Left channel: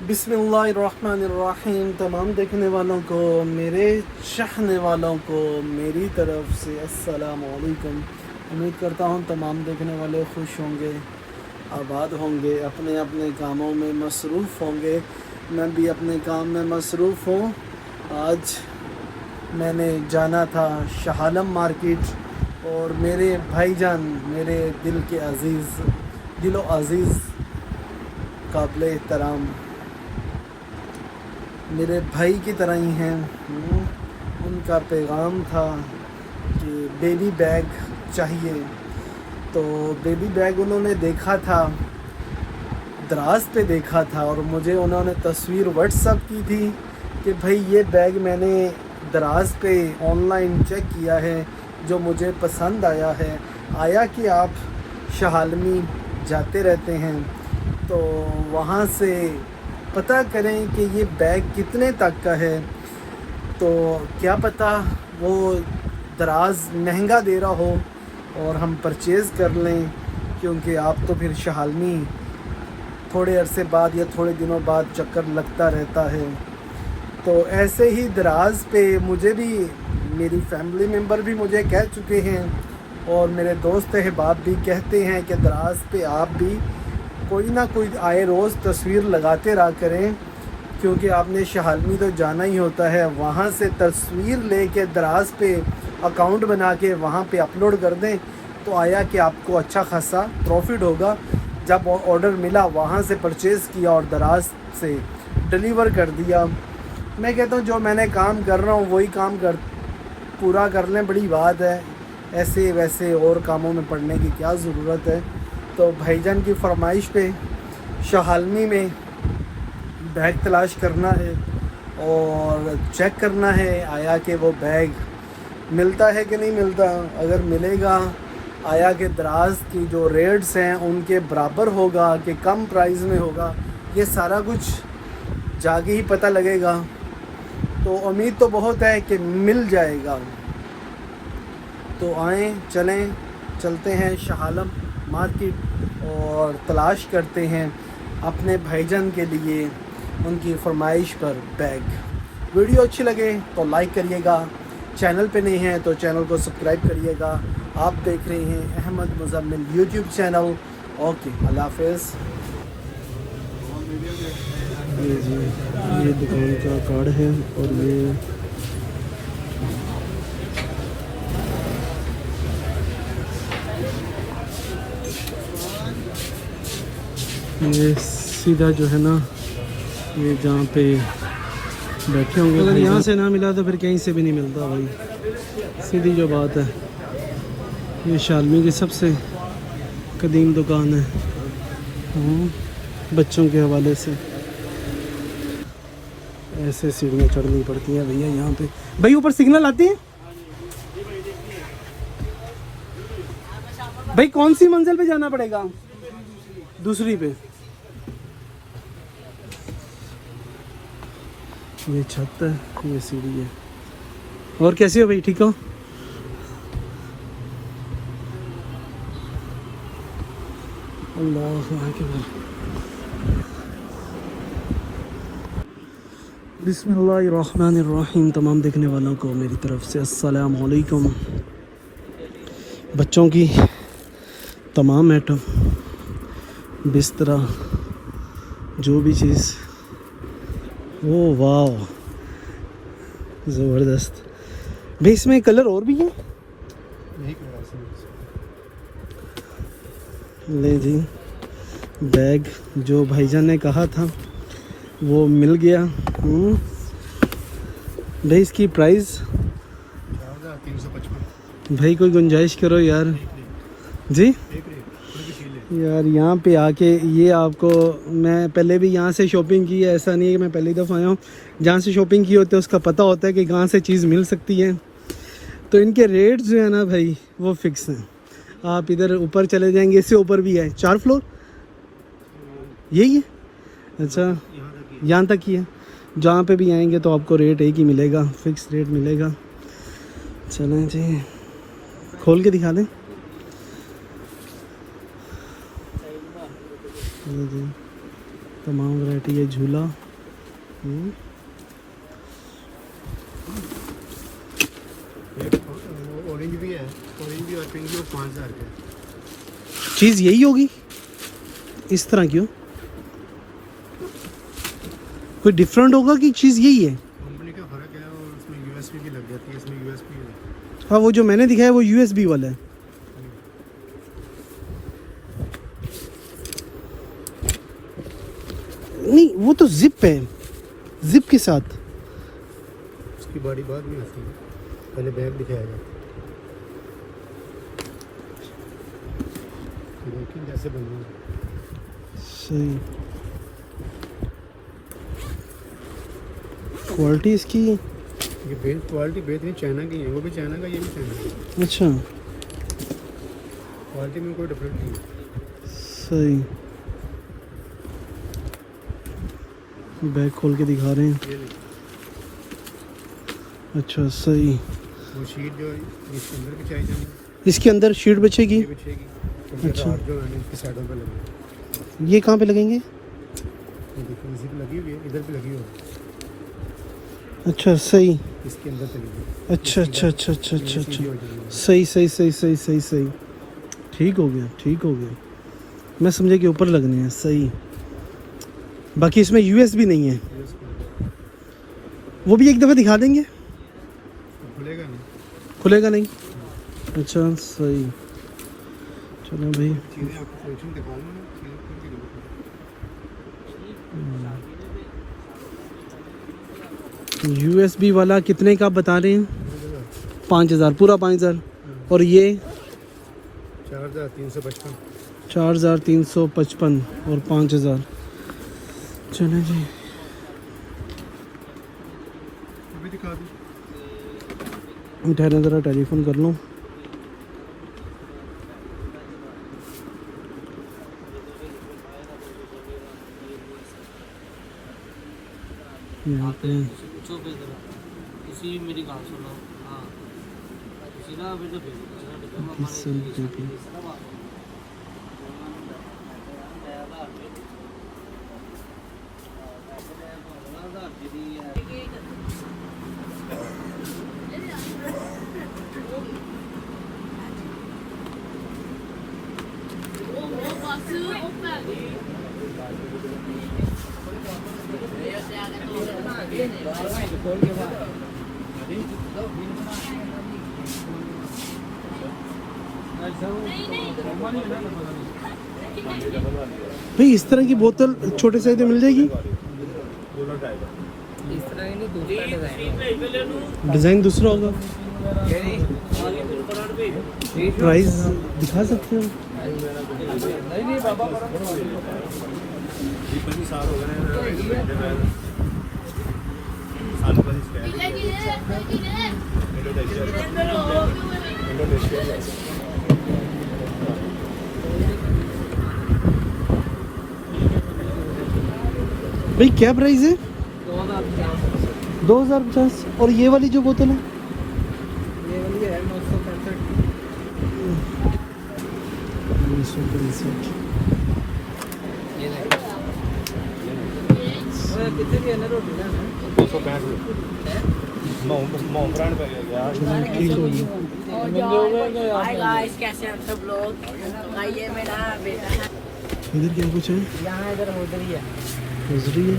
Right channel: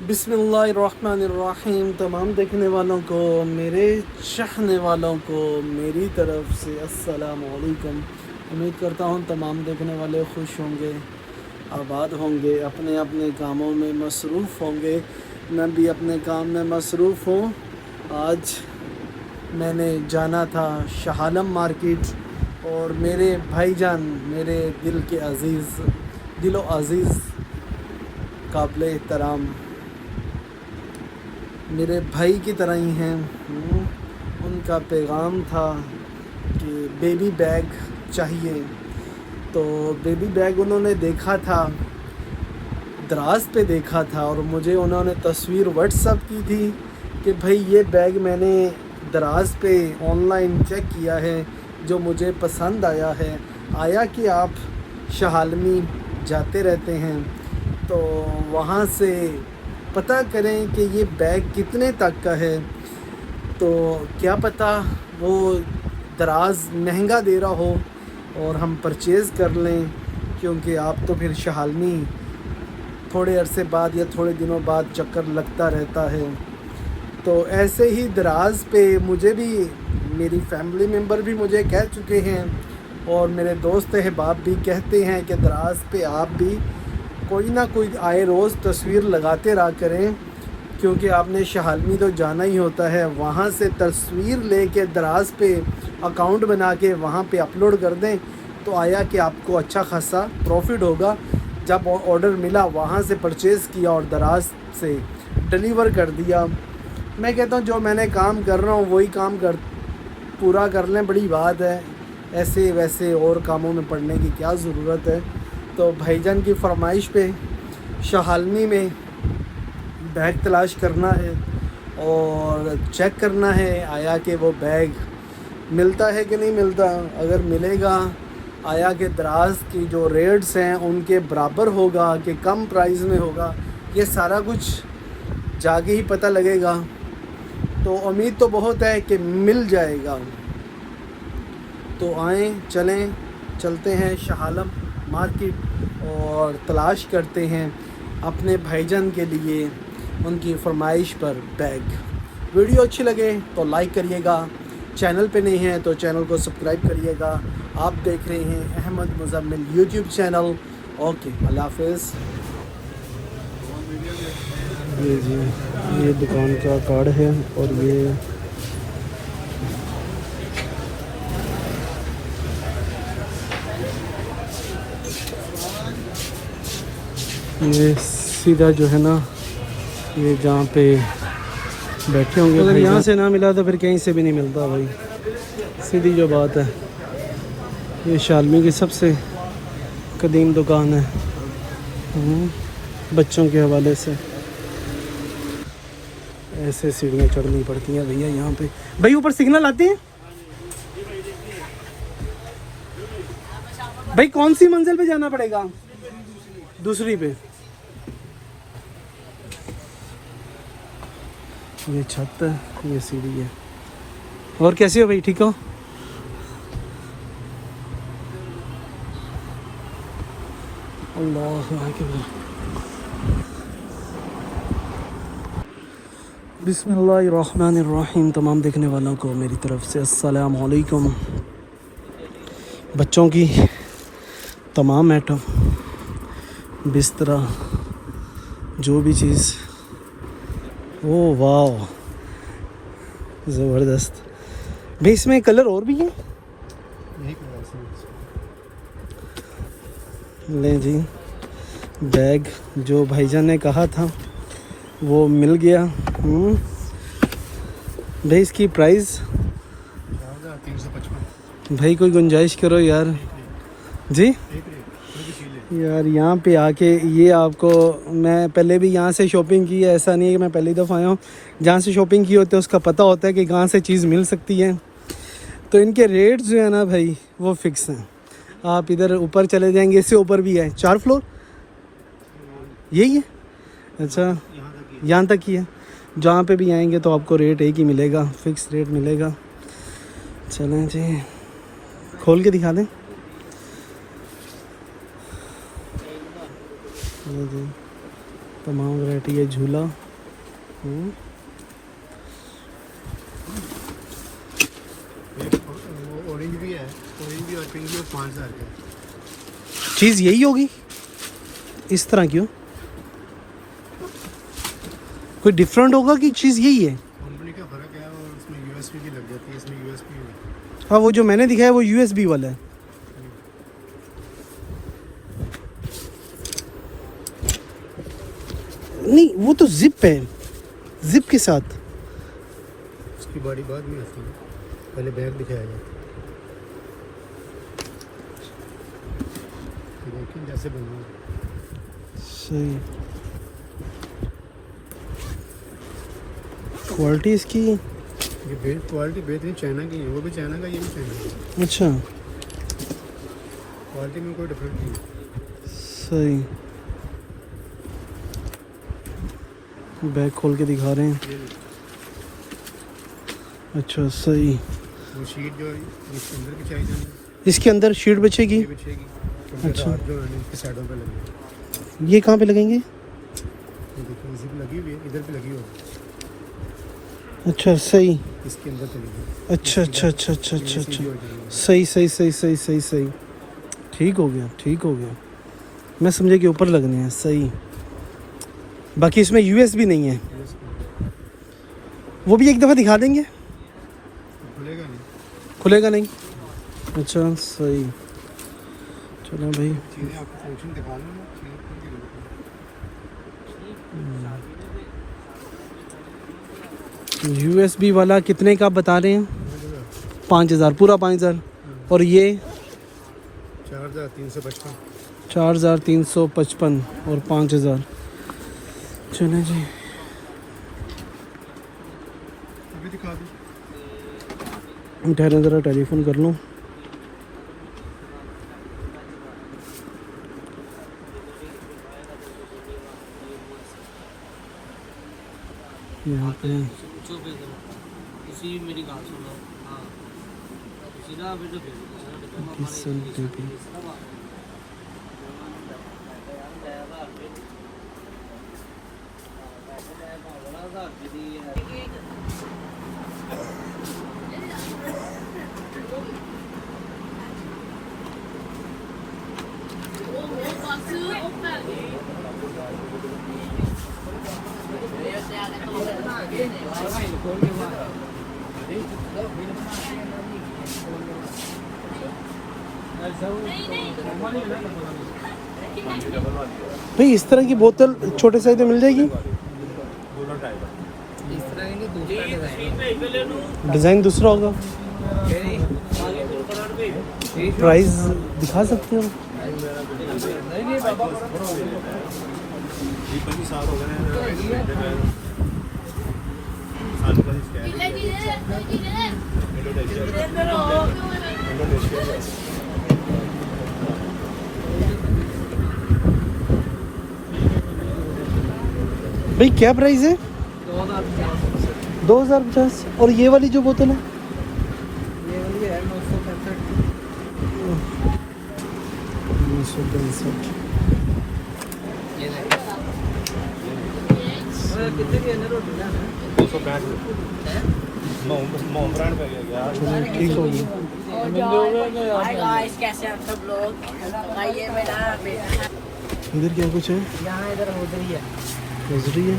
बिस्मिल्लाहिर्रहमानिर्रहीम। तमाम देखने वालों को, मेरे चाहने वालों को मेरी तरफ़ से अस्सलाम वालेकुम। उम्मीद करता हूँ तमाम देखने वाले खुश होंगे, आबाद होंगे, अपने अपने कामों में मसरूफ़ होंगे। मैं भी अपने काम में मसरूफ़ हूँ। आज मैंने जाना था शाह आलम मार्केट और मेरे भाईजान, मेरे दिल के अज़ीज़, दिलो अज़ीज़, काबिल एहतराम मेरे भाई की तरह ही हैं। उनका पैगाम था कि बेबी बैग चाहिए, तो बेबी बैग उन्होंने देखा था, दराज पे देखा था और मुझे उन्होंने तस्वीर व्हाट्सअप की थी कि भाई ये बैग मैंने दराज पे ऑनलाइन चेक किया है, जो मुझे पसंद आया है। आया कि आप शाह आलमी जाते रहते हैं तो वहाँ से पता करें कि ये बैग कितने तक का है। तो क्या पता वो दराज महंगा दे रहा हो और हम परचेज़ कर लें, क्योंकि आप तो फिर शाह आलमी थोड़े अरसे बाद या थोड़े दिनों बाद चक्कर लगता रहता है। तो ऐसे ही दराज पे मुझे भी, मेरी फैमिली मेम्बर भी मुझे कह चुके हैं और मेरे दोस्त अहबाब भी कहते हैं कि दराज पे आप भी कोई ना कोई आए रोज़ तस्वीर लगाते रहा करें, क्योंकि आपने शाह आलमी तो जाना ही होता है। वहाँ से तस्वीर लेके दराज पे अकाउंट बना के वहाँ पे अपलोड कर दें तो आया कि आपको अच्छा खासा प्रॉफिट होगा। जब ऑर्डर मिला वहाँ से परचेज़ किया और दराज से डिलीवर कर दिया। मैं कहता हूँ जो मैंने काम कर रहा हूँ वही काम पूरा कर लें, बड़ी बात है। ऐसे वैसे और कामों में पड़ने की क्या ज़रूरत है। तो भाईजान की फरमाइश पे शाह आलमी में बैग तलाश करना है और चेक करना है आया कि वो बैग मिलता है कि नहीं मिलता। अगर मिलेगा, आया कि दराज की जो रेट्स हैं उनके बराबर होगा कि कम प्राइस में होगा, ये सारा कुछ जाके ही पता लगेगा। तो उम्मीद तो बहुत है कि मिल जाएगा। तो आएँ, चलते हैं शाह आलम मार्केट और तलाश करते हैं अपने भाईजान के लिए उनकी फरमाइश पर बैग। वीडियो अच्छी लगे तो लाइक करिएगा, चैनल पे नहीं है तो चैनल को सब्सक्राइब करिएगा। आप देख रहे हैं Ahmad Muzammil YouTube channel. Okay, अल्लाह हाफ़िज़। ये जी, ये दुकान का कार्ड है और ये सीधा जो है ना, ये जहाँ पे बैठे होंगे, अगर यहाँ से ना मिला तो फिर कहीं से भी नहीं मिलता भाई, सीधी जो बात है। ये शाह आलमी की सबसे कदीम दुकान है बच्चों के हवाले से। ऐसे सीढ़ियाँ चढ़नी पड़ती हैं भैया यहाँ पे। भाई ऊपर सिग्नल आते हैं भाई, कौन सी मंजिल पे जाना पड़ेगा? दूसरी पे। ये छत है, ये सीढ़ी है। और कैसे हो भाई, ठीक हो? अल्लाह अकबर। बिस्मिल्लाहिर्रहमानिर्रहीम। तमाम देखने वालों को मेरी तरफ़ से अस्सलाम वालेकुम। बच्चों की तमाम आइटम, बिस्तरा, जो भी चीज़, ओह वाह ज़बरदस्त भाई। इसमें कलर और भी है? ले जी, बैग जो भाईजान ने कहा था वो मिल गया। भाई इसकी प्राइस भाई कोई गुंजाइश करो यार जी। यार यहाँ पे आके ये आपको, मैं पहले भी यहाँ से शॉपिंग की है, ऐसा नहीं है कि मैं पहली दफ़ा आया हूँ। जहाँ से शॉपिंग की होती है उसका पता होता है कि कहाँ से चीज़ मिल सकती है। तो इनके रेट्स जो है ना भाई वो फ़िक्स हैं। आप इधर ऊपर चले जाएंगे, इससे ऊपर भी है, 4 फ्लोर यही है। अच्छा, यहाँ तक ही है। जहाँ पे भी आएंगे तो आपको रेट एक ही मिलेगा, फ़िक्स रेट मिलेगा। चलें जी, खोल के दिखा दें। ये जी तमाम वैरायटी है झूला। ऑरेंज भी है, ऑरेंज भी और पिंक भी 5000 का। चीज़ यही होगी इस तरह क्यों? कोई डिफरेंट होगा कि चीज़ यही है? कंपनी का फर्क है और उसमें यूएसबी भी लग जाती है, इसमें यूएसबी है। हाँ, वो जो मैंने दिखाया वो यूएसबी वाला है। नहीं, वो तो जिप है, जिप के साथ। इसकी बॉडी बाद में आती है, पहले बैग दिखाएगा। देखिए जैसे बना है। सही क्वालिटी इसकी। ये क्वालिटी बेहतरीन चाइना की है, वो भी चाइना का, ये भी चाइना का। अच्छा, क्वालिटी में कोई डिफरेंस नहीं है। सही। बैग खोल के दिखा रहे हैं। अच्छा, सही। वो शीट जो है इसके अंदर बिछाई जाएगी, इसके अंदर शीट बिछेगी। ये बिछेगी। तो फिर अच्छा। रात जो है इसकी साइडों पे लगेगी। ये कहाँ पे लगेंगे? ये देखिए इसी पे लगी हुई है, इधर पे लगी होगी, अच्छा, सही। इसके अंदर चलेगी। अच्छा अच्छा अच्छा अच्छा अच्छा अच्छा, सही सही सही सही सही सही। ठीक हो गया, ठीक हो गया। मैं समझे कि ऊपर लगने हैं। सही। बाकी इसमें यूएसबी नहीं है, वो भी एक दफ़ा दिखा देंगे। खुलेगा नहीं, खुलेगा नहीं। अच्छा, सही। चलो भाई, चीज़ें आपको फंक्शन दिखा दूँ। यूएसबी वाला कितने का बता रहे हैं? 5000, पूरा 5000। और ये 4355। 4355 और 5000। चलो जी, अभी दिखा दूँ। ठहरे ज़रा टेलीफोन कर लूँ। यहाँ पे मेरी बात सुनो। हाँ, किसन बेबी। भाई, इस तरह की बोतल छोटे साइज में मिल जाएगी? डिज़ाइन दूसरा होगा। प्राइस दिखा सकते हो? भाई क्या प्राइस है? 2050। और ये वाली जो बोतल है? ये वाली है 965। कितने की है ना रोटी ना? 265। ठीक हो गया। हाय गाइस, कैसे हैं आप सब लोग? आइए, मेरा बेटा है। इधर क्या कुछ है? यहाँ इधर उधर ही है। नजरी है।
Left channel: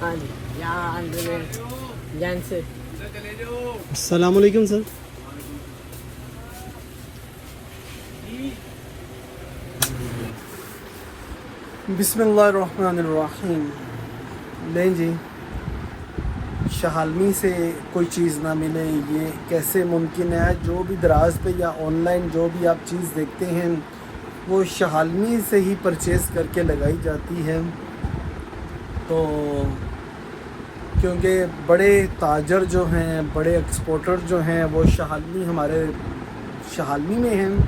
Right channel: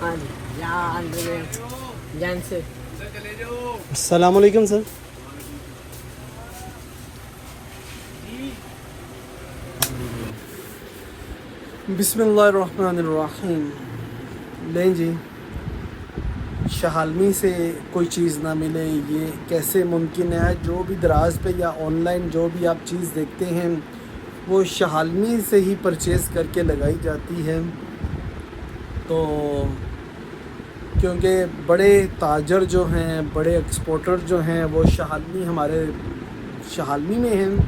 हाँ जी, यहाँ अंदर जैन से। अस्सलाम वालेकुम सर। बिस्मिल्लाहिर्रहमानिर्रहीम। लें जी, शहालमी से कोई चीज़ ना मिले, ये कैसे मुमकिन है? जो भी दराज पे या ऑनलाइन जो भी आप चीज़ देखते हैं वो शहालमी से ही परचेज़ करके लगाई जाती है। तो क्योंकि बड़े ताजर जो हैं, बड़े एक्सपोर्टर जो हैं, वो हमारे शहालमी में हैं,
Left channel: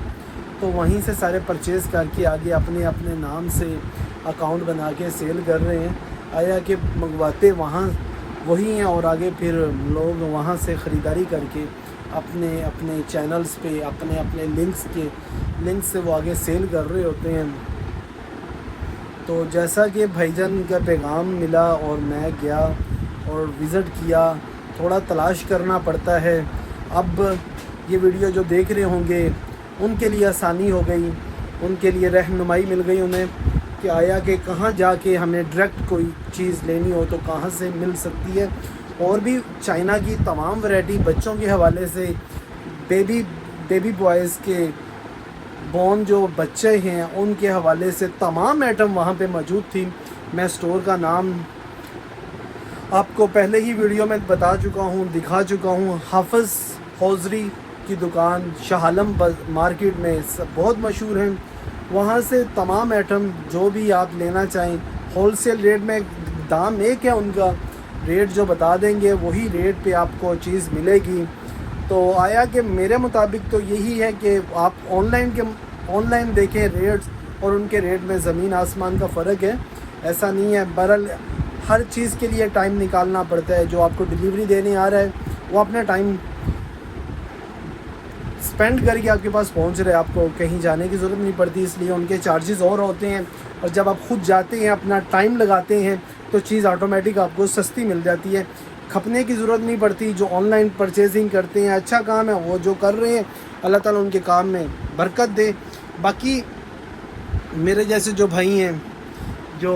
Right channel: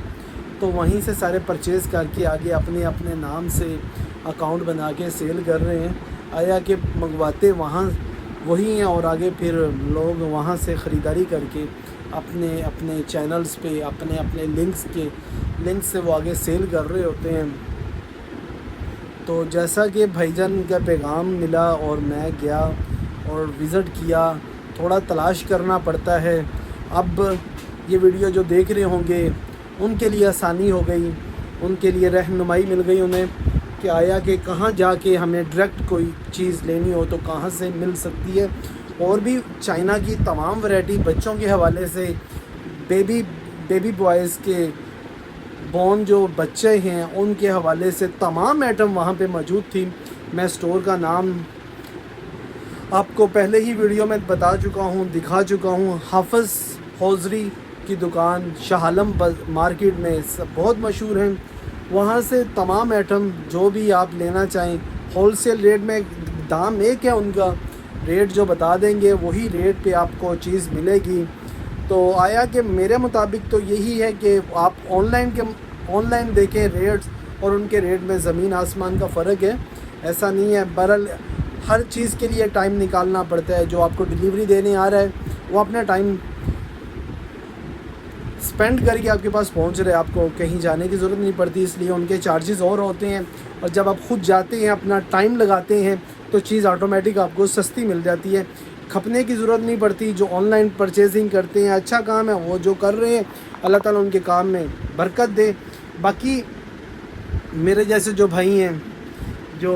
तो वहीं से सारे परचेज़ करके आगे अपने अपने नाम से अकाउंट बना के सेल कर रहे हैं। आया कि मंगवाते वहाँ वही हैं और आगे फिर लोग वहाँ से ख़रीदारी करके अपने अपने चैनल्स पे, अपने अपने लिंक्स से वो आगे सेल कर रहे होते हैं। तो जैसा कि भाईजान का पैगाम मिला और मैं गया और विज़िट किया, थोड़ा तलाश करना पड़ता है। अब ये वीडियो जो देख रहे होंगे उनके लिए आसानी हो गई, उनके लिए रहनुमाई मिल गई उन्हें कि आया कि कहाँ जाके हमें डायरेक्ट कोई चीज़ लेनी हो तो कहाँ से मिल सकती है। और भी चाइना की तमाम वैरायटी बच्चों के हवाले से, बेबी बॉयज़ के बॉर्न जो बच्चे हैं उनके हवाले से तमाम आइटम वहाँ पे मौजूद थी। मैं स्टोर का नाम आपको पहले ही वीडियो में बता चुका हूँ, दिखा चुका हूँ। हाफिज़ हौजरी की दुकान शाह आलम मार्केट में बहुत मशहूर हैं। वहाँ से तमाम आइटम जो भी आप लेना चाहें होलसेल रेट में, दाम एक है उनका, रेट जो बता देंगे वही रेट पे आपको चीज़ मिलेगी। तो आया कि मेरे मुताबिक तो यही है कि आप ऑनलाइन देखें रेट्स, और उनके रेट में ज़मीन आसमान का फ़र्क है। ऐसा नहीं है, बहरहाल हर चीज़ के लिए टाइम निकालना पड़ता है। जो आपको डिलीवरी देने आ रहा है वो अपना टाइम स्पेंड करके आपके पास पहुंच रहे हैं, आपको कहीं जाने की ज़रूरत नहीं पड़ती, इसलिए उनके चार्जेस और होते हैं। और जब आप खुद जाते हैं, अपना टाइम लगाते हैं, तो चीज़ ऑटोमेटिक आपको सस्ती मिल जाती है, खपने की ज़रूरत नहीं पड़ती। जो ऑनलाइन परचेजिंग करते हैं, अच्छा काम है वो जो कर रहे हैं, अल्लाह ताला उनके काम में बरकत दे। बाकी मेरे जैसे जो भाई हैं जो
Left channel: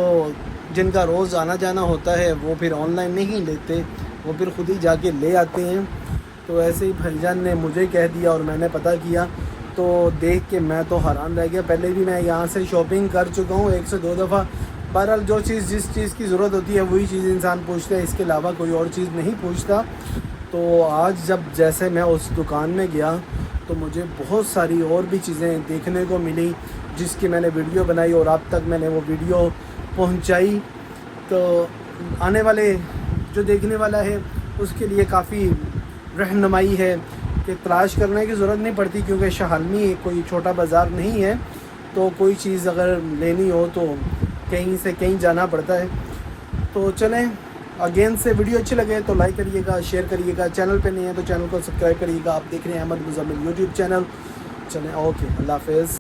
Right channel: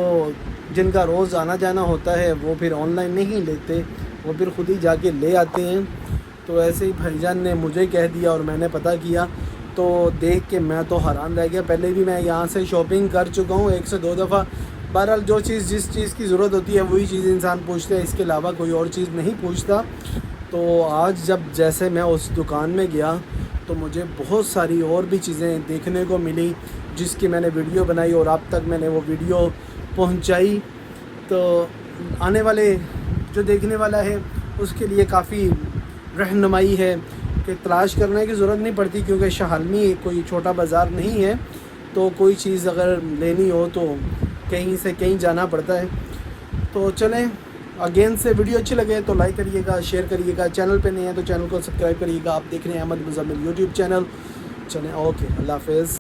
जिनका रोज़ आना जाना होता है, वो फिर ऑनलाइन नहीं लेते, वो फिर ख़ुद ही जाके ले आते हैं। तो ऐसे ही भाईजान ने मुझे कह दिया और मैंने पता किया, तो देख के मैं तो हैरान रह गया। पहले भी मैं यहाँ से शॉपिंग कर चुका हूँ 1 से 2 दफ़ा। बहरहाल जो चीज़ जिस चीज़ की ज़रूरत होती है वही चीज़ इंसान पूछता है, इसके अलावा कोई और चीज़ नहीं पूछता। तो आज जब जैसे मैं उस दुकान में गया तो मुझे बहुत सारी और भी चीज़ें देखने को मिली, जिसकी मैंने वीडियो बनाई और आप तक मैंने वो वीडियो पहुंचाई। तो आने वाले जो देखने वाला है उसके लिए काफ़ी रहनुमाई है कि तलाश करने की ज़रूरत नहीं पड़ती, क्योंकि शाहलमी कोई छोटा बाज़ार नहीं है। तो कोई चीज़ अगर लेनी हो तो कहीं से कहीं जाना पड़ता है। तो चलें, अगेन से वीडियो अच्छी लगे तो लाइक करिएगा, शेयर करिएगा, चैनल पे नहीं है तो चैनल को सब्सक्राइब करिएगा। आप देख रहे हैं अहमद मुज़म्मिल यूट्यूब चैनल। चलें, ओके, अल्लाह हाफ़िज़।